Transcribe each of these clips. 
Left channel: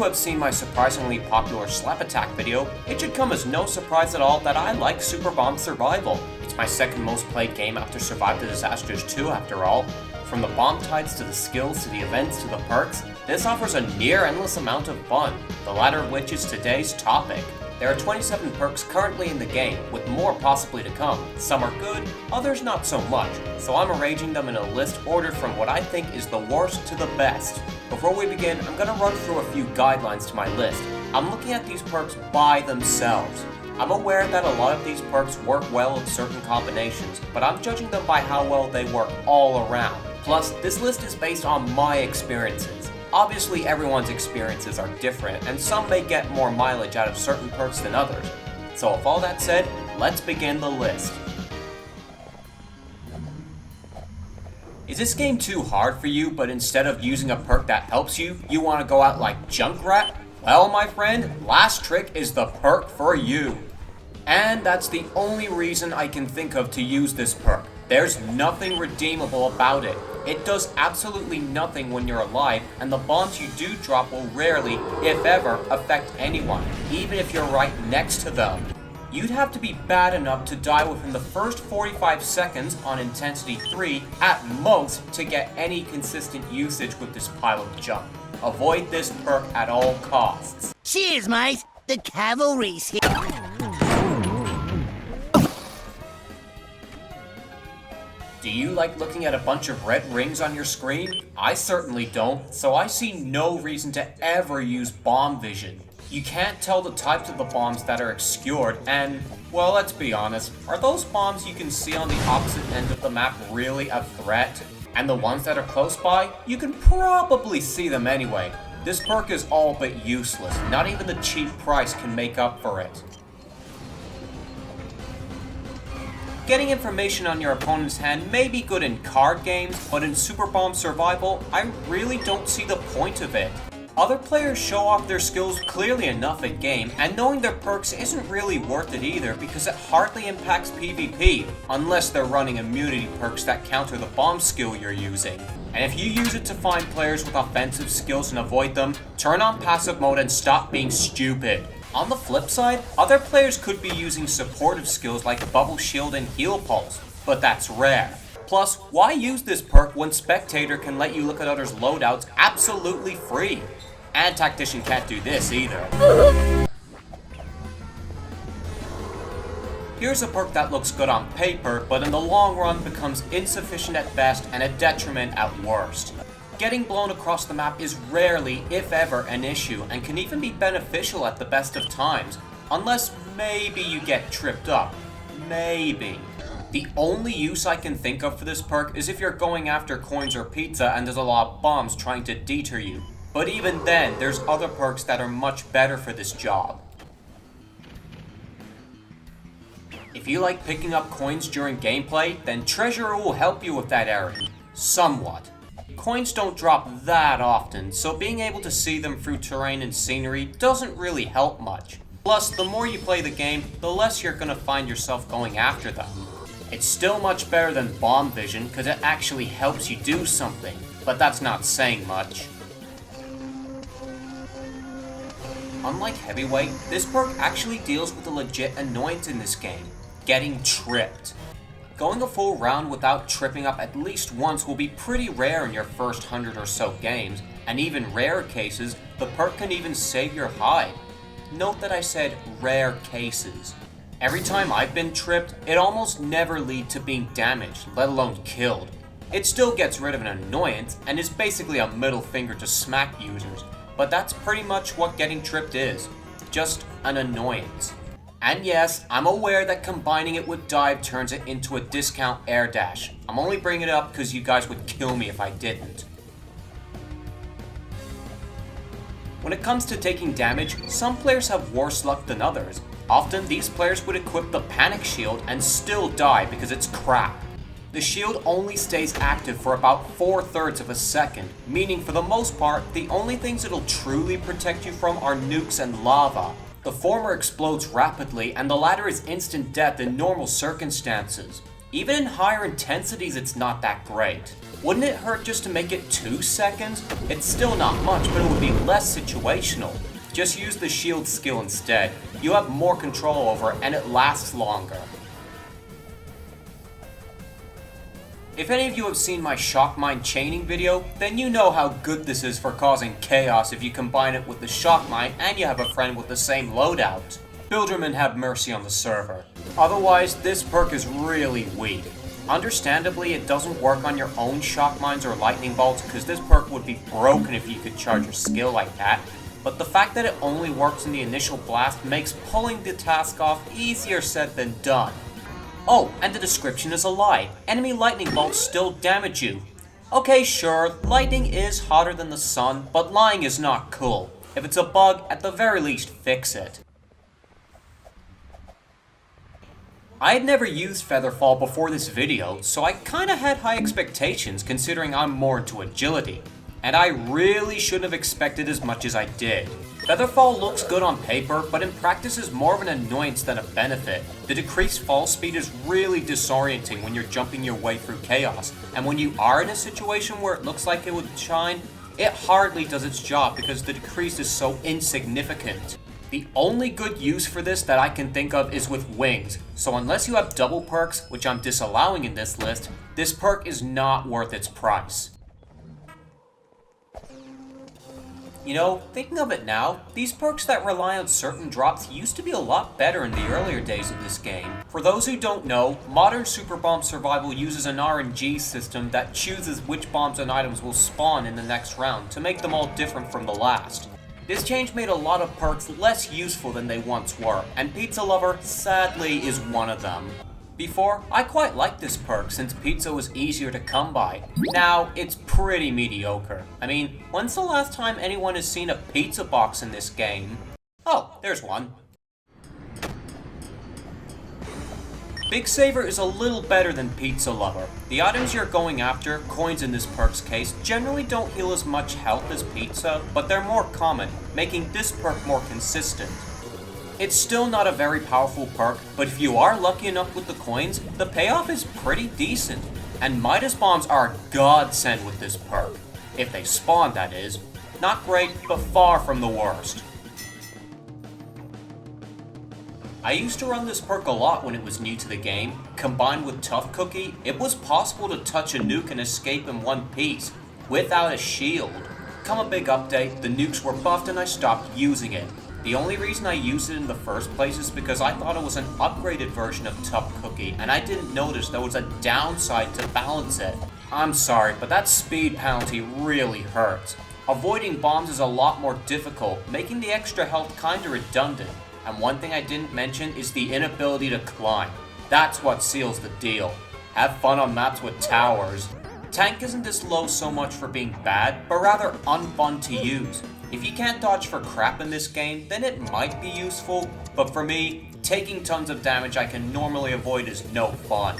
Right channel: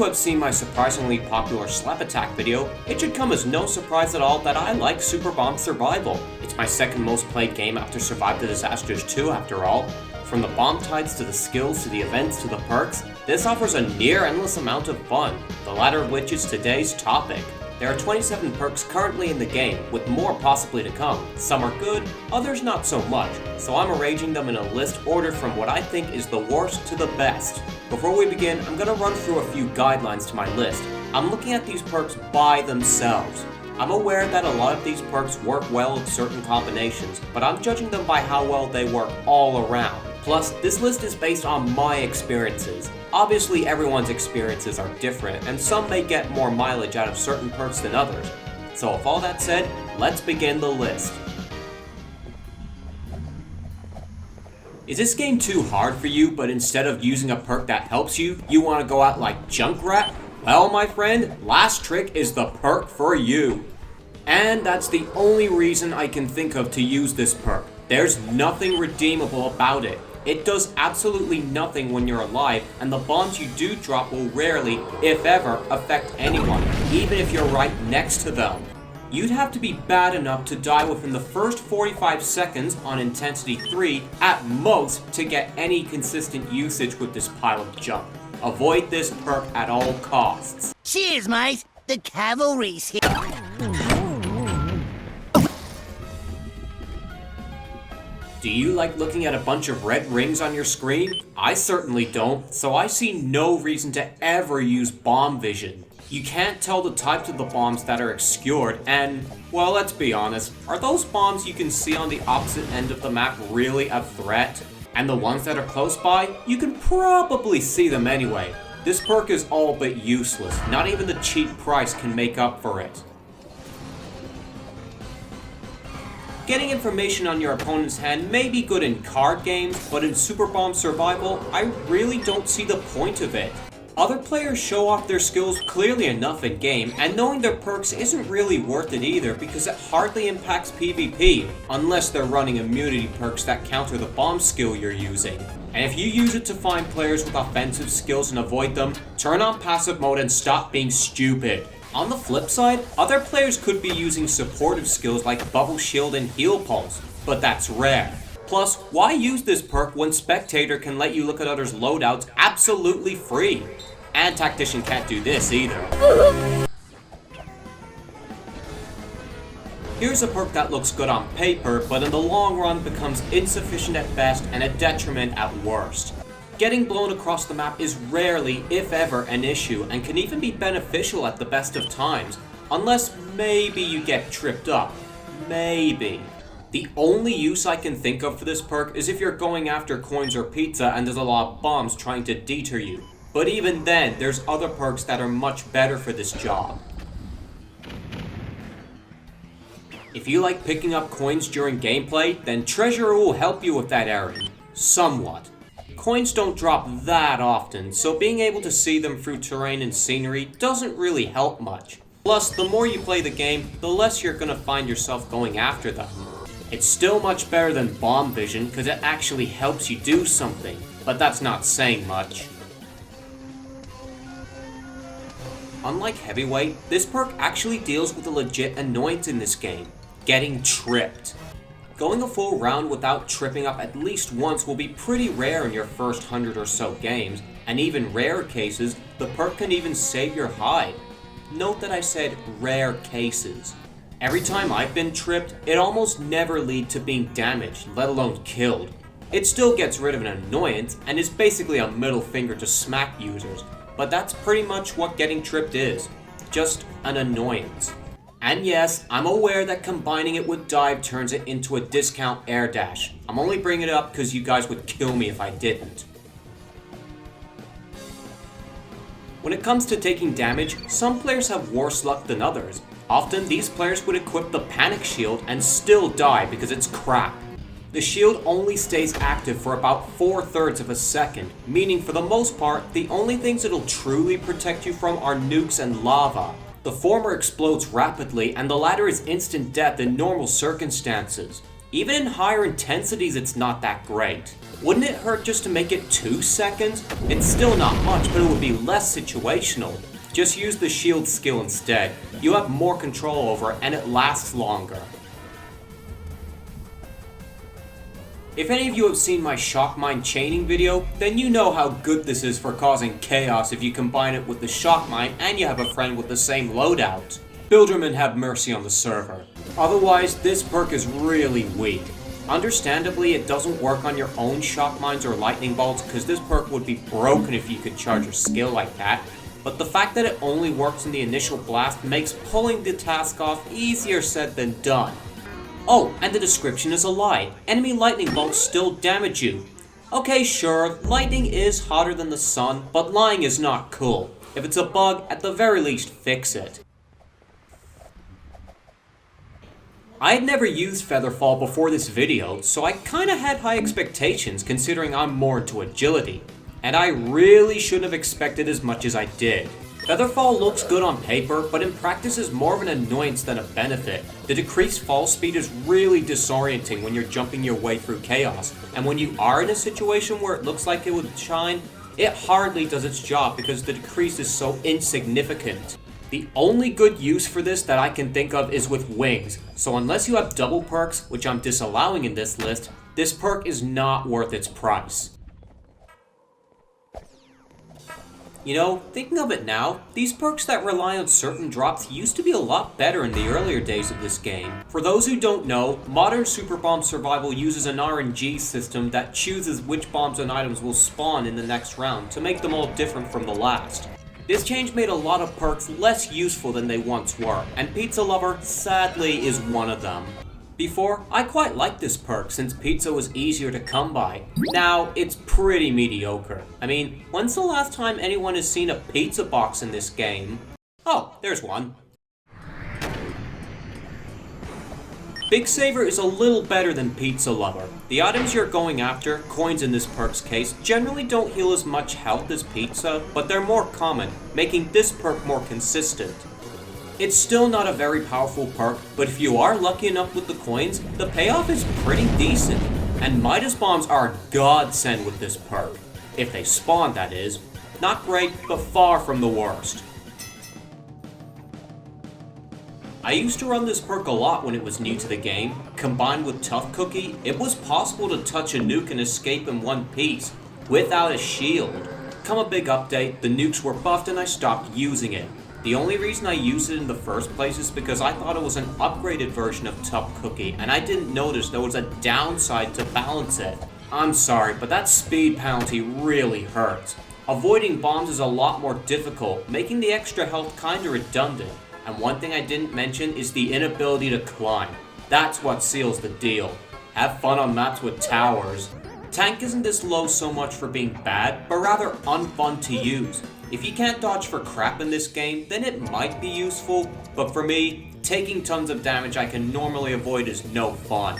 who have seen my surprisingly popular Slap Attack video, it should come as no surprise at all that I like Super Bomb Survival. It's my second most played game after Survive the Disasters 2 after all. From the bomb types to the skills to the events to the perks, this offers a near endless amount of fun, the latter of which is today's topic. There are 27 perks currently in the game, with more possibly to come. Some are good, others not so much, so I'm arranging them in a list ordered from what I think is the worst to the best. Before we begin, I'm going to run through a few guidelines to my list. I'm looking at these perks by themselves. I'm aware that a lot of these perks work well with certain combinations, but I'm judging them by how well they work all around. Plus, this list is based on my experiences. Obviously, everyone's experiences are different, and some may get more mileage out of certain perks than others. So with all that said, let's begin the list. Is this game too hard for you, but instead of using a perk that helps you, you want to go out like Junkrat? Well, my friend, Last Trick is the perk for you. And that's the only reason I can think of to use this perk. There's nothing redeemable about it. It does absolutely nothing when you're alive, and the bombs you do drop will rarely, if ever, affect anyone, even if you're right next to them. You'd have to be bad enough to die within the first 45 seconds on Intensity 3 at most to get any consistent usage with this pile of junk. Avoid this perk at all costs. Cheers, mate! The cavalry's here! Do you like looking at a bunch of red rings on your screen? I certainly don't, so I see no reason to ever use bomb vision. You can't tell the types of the bombs that are obscured, and, well, let's be honest, are those bombs you can see on the opposite end of the map really a threat? And the ones that are close by, you can probably see them anyway. This perk is all but useless, not even the cheap price can make up for it. Getting information on your opponent's hand may be good in card games, but in Super Bomb Survival, I really don't see the point of it. Other players show off their skills clearly enough in game, and knowing their perks isn't really worth it either because it hardly impacts PvP, unless they're running immunity perks that counter the bomb skill you're using. And if you use it to find players with offensive skills and avoid them, turn on passive mode and stop being stupid. On the flip side, other players could be using supportive skills like Bubble Shield and Heal Pulse, but that's rare. Plus, why use this perk when Spectator can let you look at others' loadouts absolutely free? And Tactician can't do this either. Here's a perk that looks good on paper, but in the long run becomes insufficient at best and a detriment at worst. Getting blown across the map is rarely, if ever, an issue, and can even be beneficial at the best of times, unless maybe you get tripped up. Maybe. The only use I can think of for this perk is if you're going after coins or pizza and there's a lot of bombs trying to deter you. But even then, there's other perks that are much better for this job. If you like picking up coins during gameplay, then Treasurer will help you with that errand. Somewhat. Coins don't drop that often, so being able to see them through terrain and scenery doesn't really help much. Plus, the more you play the game, the less you're gonna find yourself going after them. It's still much better than bomb vision because it actually helps you do something, but that's not saying much. Unlike Heavyweight, this perk actually deals with a legit annoyance in this game, getting tripped. Going a full round without tripping up at least once will be pretty rare in your first 100 or so games, and even rare cases, the perk can even save your hide. Note that I said rare cases. Every time I've been tripped, it almost never leads to being damaged, let alone killed. It still gets rid of an annoyance, and is basically a middle finger to smack users, but that's pretty much what getting tripped is, just an annoyance. And yes, I'm aware that combining it with dive turns it into a discount air dash. I'm only bringing it up because you guys would kill me if I didn't. When it comes to taking damage, some players have worse luck than others. Often these players would equip the panic shield and still die because it's crap. The shield only stays active for about 4/3 of a second, meaning for the most part, the only things it'll truly protect you from are nukes and lava. The former explodes rapidly, and the latter is instant death in normal circumstances. Even in higher intensities, it's not that great. Wouldn't it hurt just to make it 2 seconds? It's still not much, but it would be less situational. Just use the shield skill instead. You have more control over it, and it lasts longer. If any of you have seen my shock mine chaining video, then you know how good this is for causing chaos if you combine it with the shock mine and you have a friend with the same loadout. Bomberman have mercy on the server. Otherwise, this perk is really weak. Understandably, it doesn't work on your own shock mines or lightning bolts because this perk would be broken if you could charge your skill like that, but the fact that it only works in the initial blast makes pulling the task off easier said than done. Oh, and the description is a lie. Enemy lightning bolts still damage you. Okay, sure, lightning is hotter than the sun, but lying is not cool. If it's a bug, at the very least fix it. I had never used Featherfall before this video, so I kinda had high expectations considering I'm more into agility. And I really shouldn't have expected as much as I did. Featherfall looks good on paper, but in practice is more of an annoyance than a benefit. The decreased fall speed is really disorienting when you're jumping your way through chaos, and when you are in a situation where it looks like it would shine, it hardly does its job because the decrease is so insignificant. The only good use for this that I can think of is with wings, so unless you have double perks, which I'm disallowing in this list, this perk is not worth its price. You know, thinking of it now, these perks that rely on certain drops used to be a lot better in the earlier days of this game. For those who don't know, modern Super Bomb Survival uses an RNG system that chooses which bombs and items will spawn in the next round to make them all different from the last. This change made a lot of perks less useful than they once were, and Pizza Lover sadly is one of them. Before, I quite liked this perk since pizza was easier to come by. Now, it's pretty mediocre. I mean, when's the last time anyone has seen a pizza box in this game? Oh, there's one. Big Saver is a little better than Pizza Lover. The items you're going after, coins in this perk's case, generally don't heal as much health as pizza, but they're more common, making this perk more consistent. It's still not a very powerful perk, but if you are lucky enough with the coins, the payoff is pretty decent. And Midas Bombs are a godsend with this perk. If they spawn, that is. Not great, but far from the worst. I used to run this perk a lot when it was new to the game. Combined with Tough Cookie, it was possible to touch a nuke and escape in one piece, without a shield. Come a big update, the nukes were buffed and I stopped using it. The only reason I used it in the first place is because I thought it was an upgraded version of Tough Cookie, and I didn't notice there was a downside to balance it. I'm sorry, but that speed penalty really hurts. Avoiding bombs is a lot more difficult, making the extra health kinda redundant. And one thing I didn't mention is the inability to climb. That's what seals the deal. Have fun on maps with towers. Tank isn't this low so much for being bad, but rather unfun to use. If you can't dodge for crap in this game, then it might be useful, but for me, taking tons of damage I can normally avoid is no fun.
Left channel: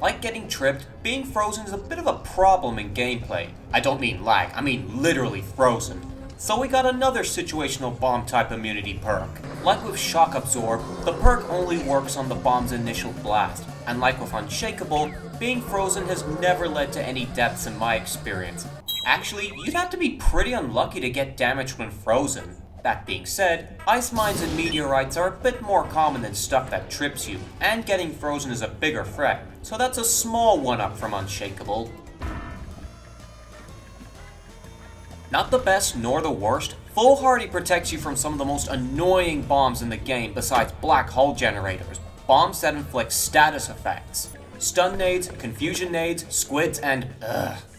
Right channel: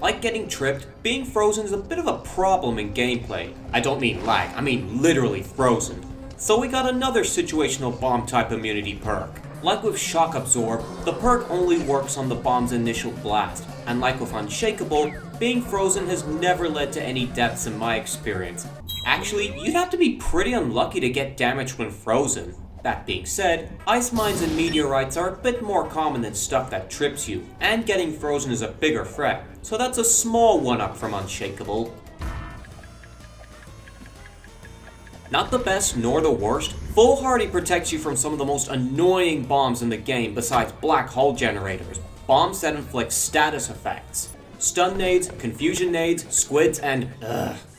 Like getting tripped, being frozen is a bit of a problem in gameplay. I don't mean lag, I mean literally frozen. So we got another situational bomb type immunity perk. Like with Shock Absorb, the perk only works on the bomb's initial blast. And like with Unshakable, being frozen has never led to any deaths in my experience. Actually, you'd have to be pretty unlucky to get damaged when frozen. That being said, ice mines and meteorites are a bit more common than stuff that trips you, and getting frozen is a bigger threat, so that's a small one-up from Unshakable. Not the best nor the worst, Foolhardy protects you from some of the most annoying bombs in the game besides black hole generators. Bombs that inflict status effects. Stun nades, confusion nades, squids, and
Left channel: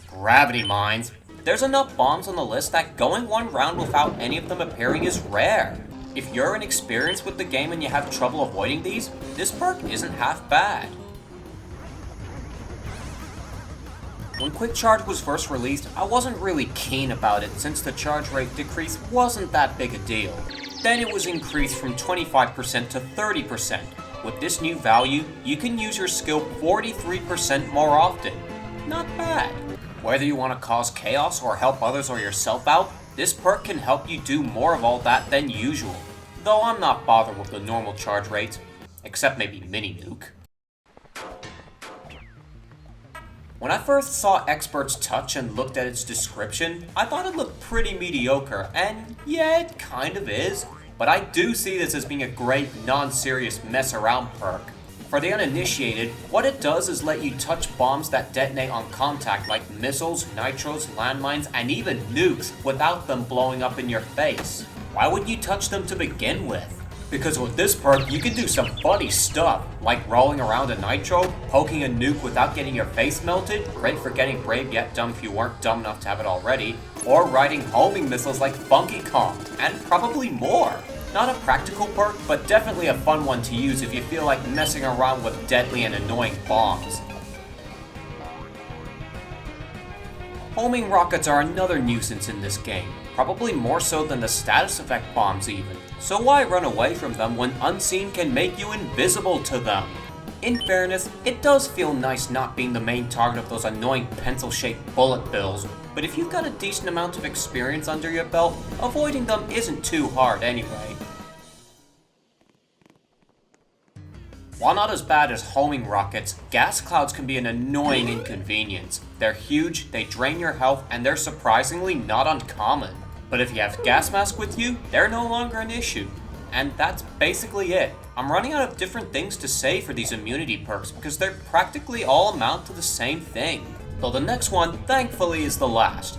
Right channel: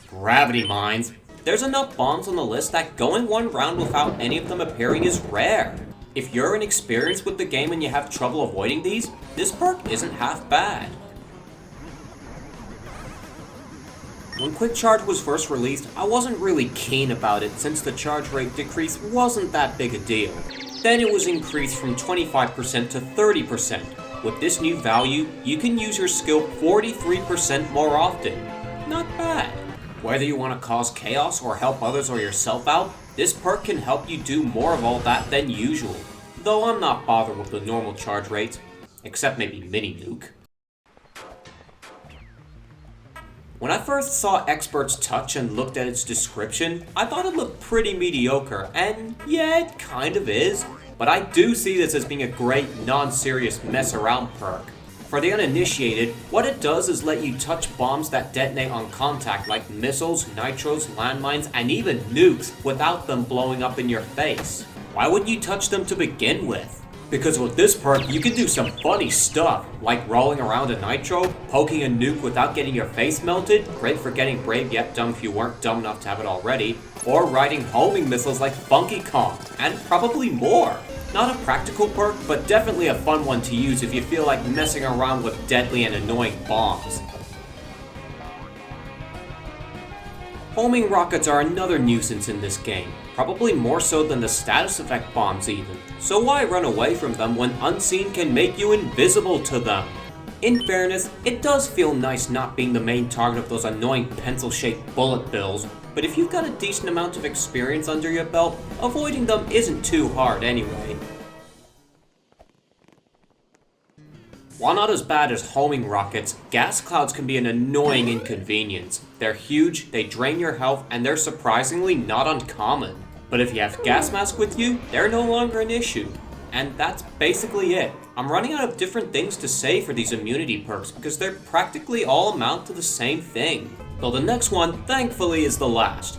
gravity mines. There's enough bombs on the list that going one round without any of them appearing is rare. If you're inexperienced with the game and you have trouble avoiding these, this perk isn't half bad. When Quick Charge was first released, I wasn't really keen about it since the charge rate decrease wasn't that big a deal. Then it was increased from 25% to 30%. With this new value, you can use your skill 43% more often. Not bad. Whether you want to cause chaos or help others or yourself out, this perk can help you do more of all that than usual, though I'm not bothered with the normal charge rates, except maybe mini nuke. When I first saw Expert's Touch and looked at its description, I thought it looked pretty mediocre, and yeah, it kind of is, but I do see this as being a great non-serious mess around perk. For the uninitiated, what it does is let you touch bombs that detonate on contact like missiles, nitros, landmines, and even nukes without them blowing up in your face. Why would you touch them to begin with? Because with this perk, you can do some funny stuff, like rolling around a nitro, poking a nuke without getting your face melted, great for getting brave yet dumb if you weren't dumb enough to have it already, or riding homing missiles like Funky Kong, and probably more. Not a practical perk, but definitely a fun one to use if you feel like messing around with deadly and annoying bombs. Homing rockets are another nuisance in this game, probably more so than the status effect bombs even, so why run away from them when Unseen can make you invisible to them? In fairness, it does feel nice not being the main target of those annoying pencil-shaped bullet bills, but if you've got a decent amount of experience under your belt, avoiding them isn't too hard anyway. While not as bad as homing rockets, gas clouds can be an annoying inconvenience. They're huge, they drain your health, and they're surprisingly not uncommon. But if you have gas mask with you, they're no longer an issue. And that's basically it. I'm running out of different things to say for these immunity perks because they're practically all amount to the same thing. Though the next one, thankfully, is the last.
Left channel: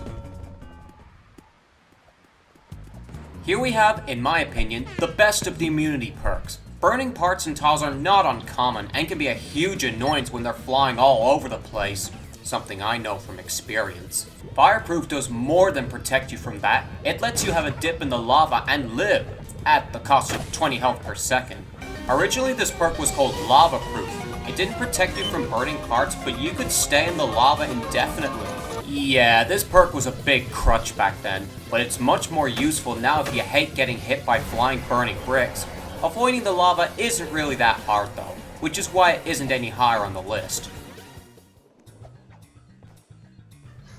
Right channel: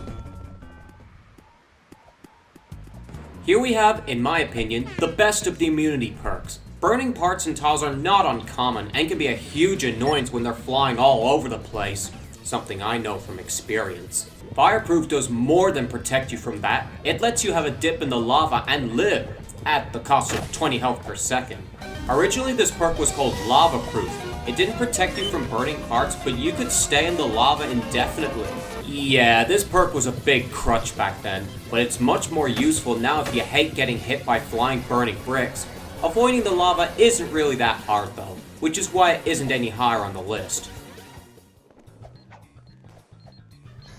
Here we have, in my opinion, the best of the immunity perks. Burning parts and tiles are not uncommon and can be a huge annoyance when they're flying all over the place. Something I know from experience. Fireproof does more than protect you from that. It lets you have a dip in the lava and live, at the cost of 20 health per second. Originally this perk was called Lava Proof. It didn't protect you from burning parts, but you could stay in the lava indefinitely. Yeah, this perk was a big crutch back then, but it's much more useful now if you hate getting hit by flying burning bricks. Avoiding the lava isn't really that hard though, which is why it isn't any higher on the list.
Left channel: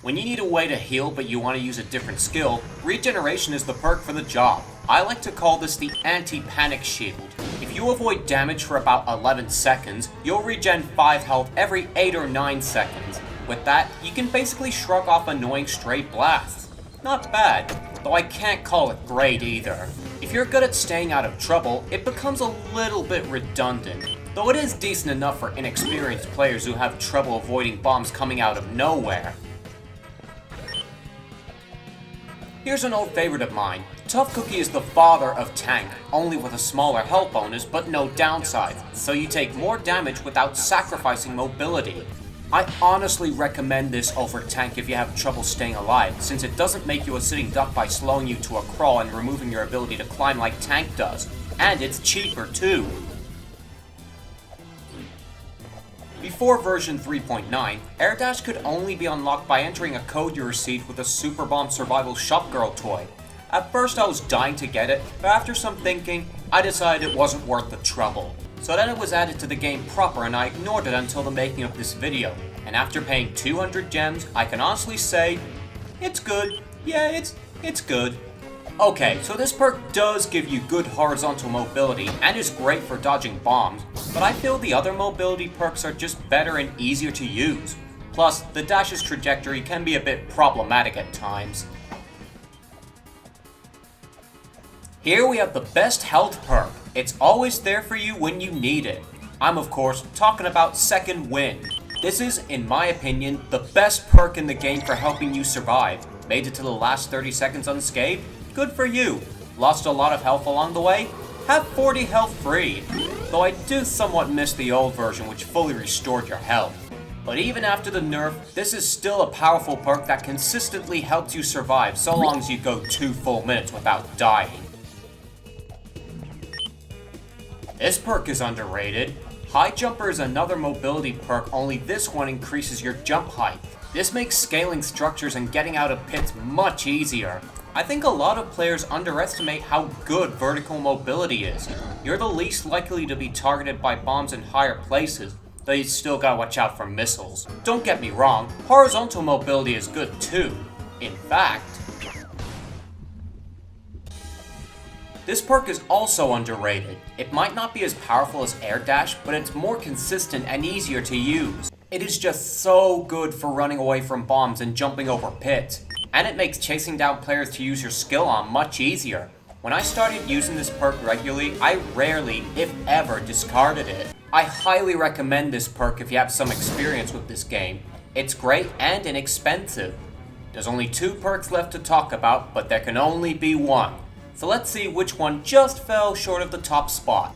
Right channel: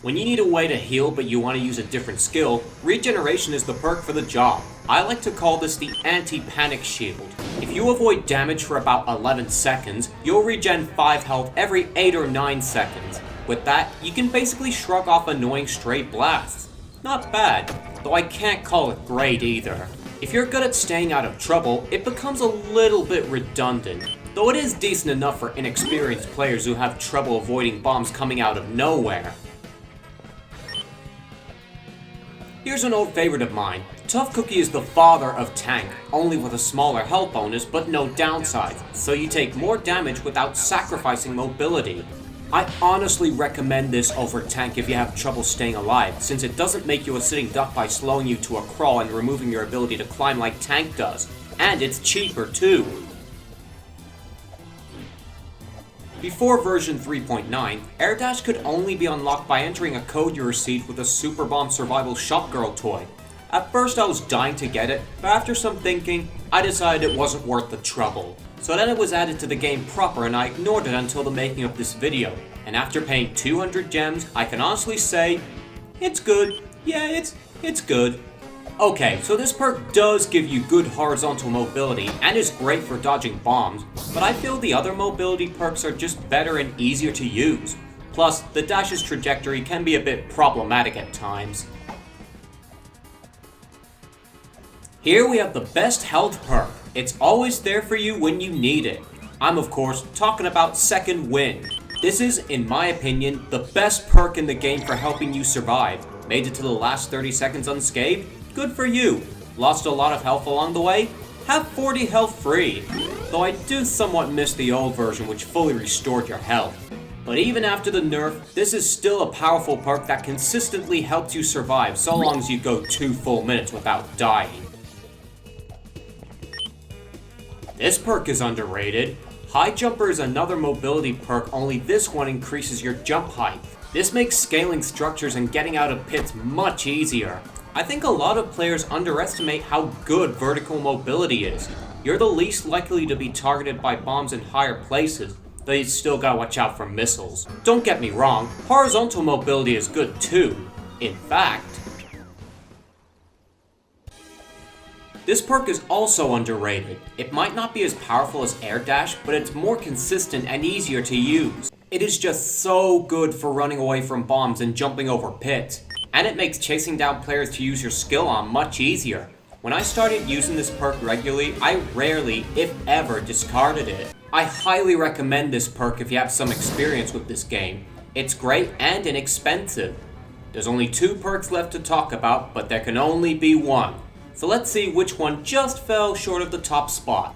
When you need a way to heal but you want to use a different skill, Regeneration is the perk for the job. I like to call this the anti-panic shield. If you avoid damage for about 11 seconds, you'll regen 5 health every 8 or 9 seconds. With that, you can basically shrug off annoying stray blasts. Not bad, though I can't call it great either. If you're good at staying out of trouble, it becomes a little bit redundant, though it is decent enough for inexperienced players who have trouble avoiding bombs coming out of nowhere. Here's an old favorite of mine. Tough Cookie is the father of Tank, only with a smaller health bonus but no downside, so you take more damage without sacrificing mobility. I honestly recommend this over Tank if you have trouble staying alive, since it doesn't make you a sitting duck by slowing you to a crawl and removing your ability to climb like Tank does. And it's cheaper too. Before version 3.9, Air Dash could only be unlocked by entering a code you received with a Super Bomb Survival Shop Girl toy. At first I was dying to get it, but after some thinking, I decided it wasn't worth the trouble. So then it was added to the game proper and I ignored it until the making of this video. And after paying 200 gems, I can honestly say, it's good. Yeah, it's good. Okay, so this perk does give you good horizontal mobility and is great for dodging bombs, but I feel the other mobility perks are just better and easier to use. Plus, the dash's trajectory can be a bit problematic at times. Here we have the best health perk. It's always there for you when you need it. I'm of course talking about Second Wind. This is, in my opinion, the best perk in the game for helping you survive. Made it to the last 30 seconds unscathed? Good for you. Lost a lot of health along the way? Have 40 health free. Though I do somewhat miss the old version which fully restored your health. But even after the nerf, this is still a powerful perk that consistently helps you survive so long as you go 2 full minutes without dying. This perk is underrated. High Jumper is another mobility perk, only this one increases your jump height. This makes scaling structures and getting out of pits much easier. I think a lot of players underestimate how good vertical mobility is. You're the least likely to be targeted by bombs in higher places, though you still gotta watch out for missiles. Don't get me wrong, horizontal mobility is good too. In fact, This perk is also underrated. It might not be as powerful as Air Dash, but it's more consistent and easier to use. It is just so good for running away from bombs and jumping over pits. And it makes chasing down players to use your skill on much easier. When I started using this perk regularly, I rarely, if ever, discarded it. I highly recommend this perk if you have some experience with this game. It's great and inexpensive. There's only 2 perks left to talk about, but there can only be one. So let's see which one just fell short of the top spot.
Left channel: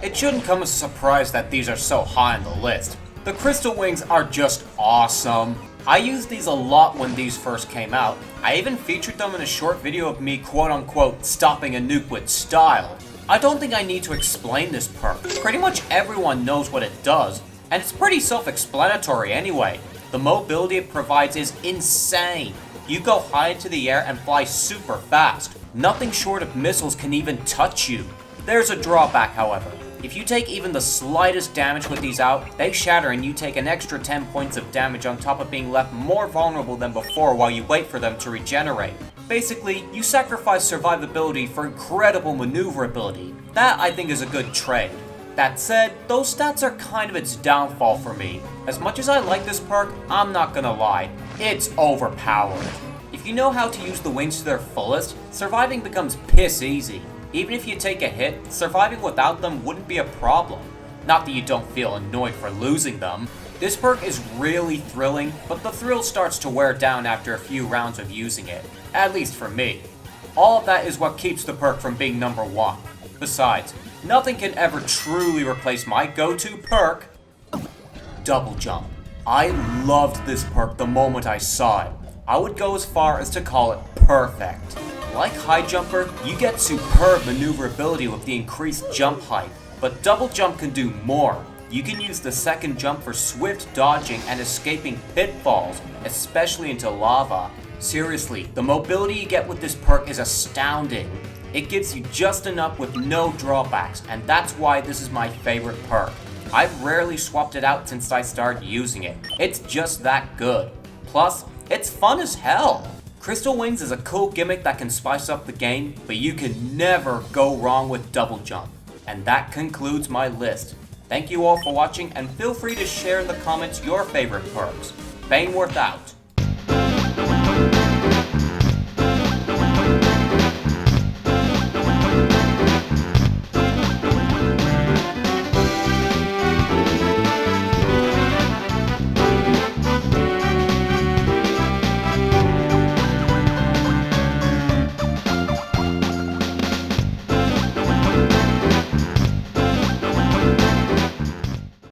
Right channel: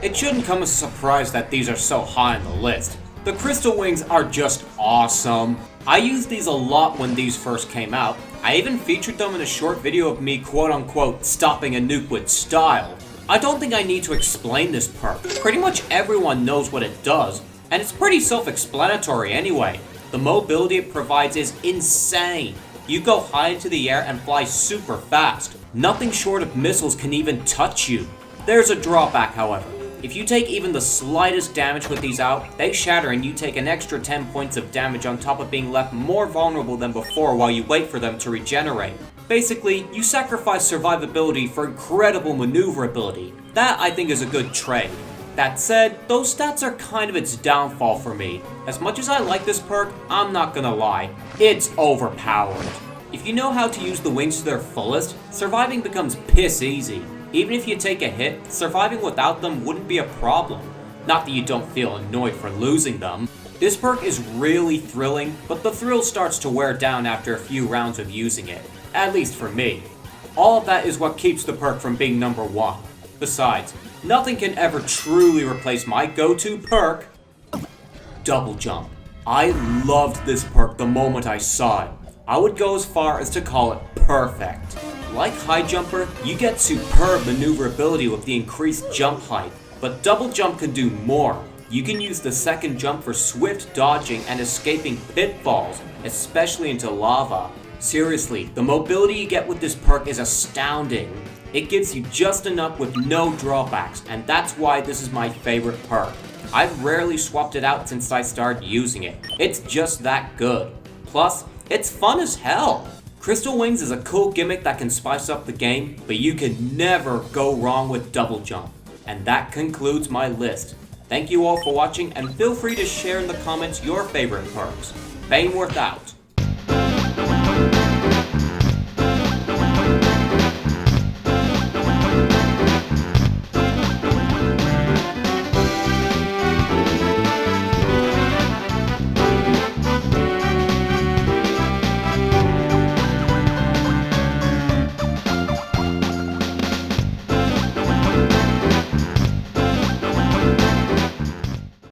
It shouldn't come as a surprise that these are so high on the list. The crystal wings are just awesome. I used these a lot when these first came out. I even featured them in a short video of me quote-unquote stopping a nuke with style. I don't think I need to explain this perk. Pretty much everyone knows what it does, and it's pretty self-explanatory anyway. The mobility it provides is insane. You go high into the air and fly super fast. Nothing short of missiles can even touch you. There's a drawback, however. If you take even the slightest damage with these out, they shatter and you take an extra 10 points of damage on top of being left more vulnerable than before while you wait for them to regenerate. Basically, you sacrifice survivability for incredible maneuverability. That, I think, is a good trade. That said, those stats are kind of its downfall for me. As much as I like this perk, I'm not gonna lie, it's overpowered. If you know how to use the wings to their fullest, surviving becomes piss easy. Even if you take a hit, surviving without them wouldn't be a problem. Not that you don't feel annoyed for losing them. This perk is really thrilling, but the thrill starts to wear down after a few rounds of using it. At least for me. All of that is what keeps the perk from being number 1. Besides, nothing can ever truly replace my go-to perk, Double Jump. I loved this perk the moment I saw it. I would go as far as to call it perfect. Like High Jumper, you get superb maneuverability with the increased jump height, but Double Jump can do more. You can use the second jump for swift dodging and escaping pitfalls, especially into lava. Seriously, the mobility you get with this perk is astounding. It gives you just enough with no drawbacks, and that's why this is my favorite perk. I've rarely swapped it out since I started using it. It's just that good. Plus, it's fun as hell. Crystal Wings is a cool gimmick that can spice up the game, but you can never go wrong with Double Jump. And that concludes my list. Thank you all for watching, and feel free to share in the comments your favorite perks. Baneworth out.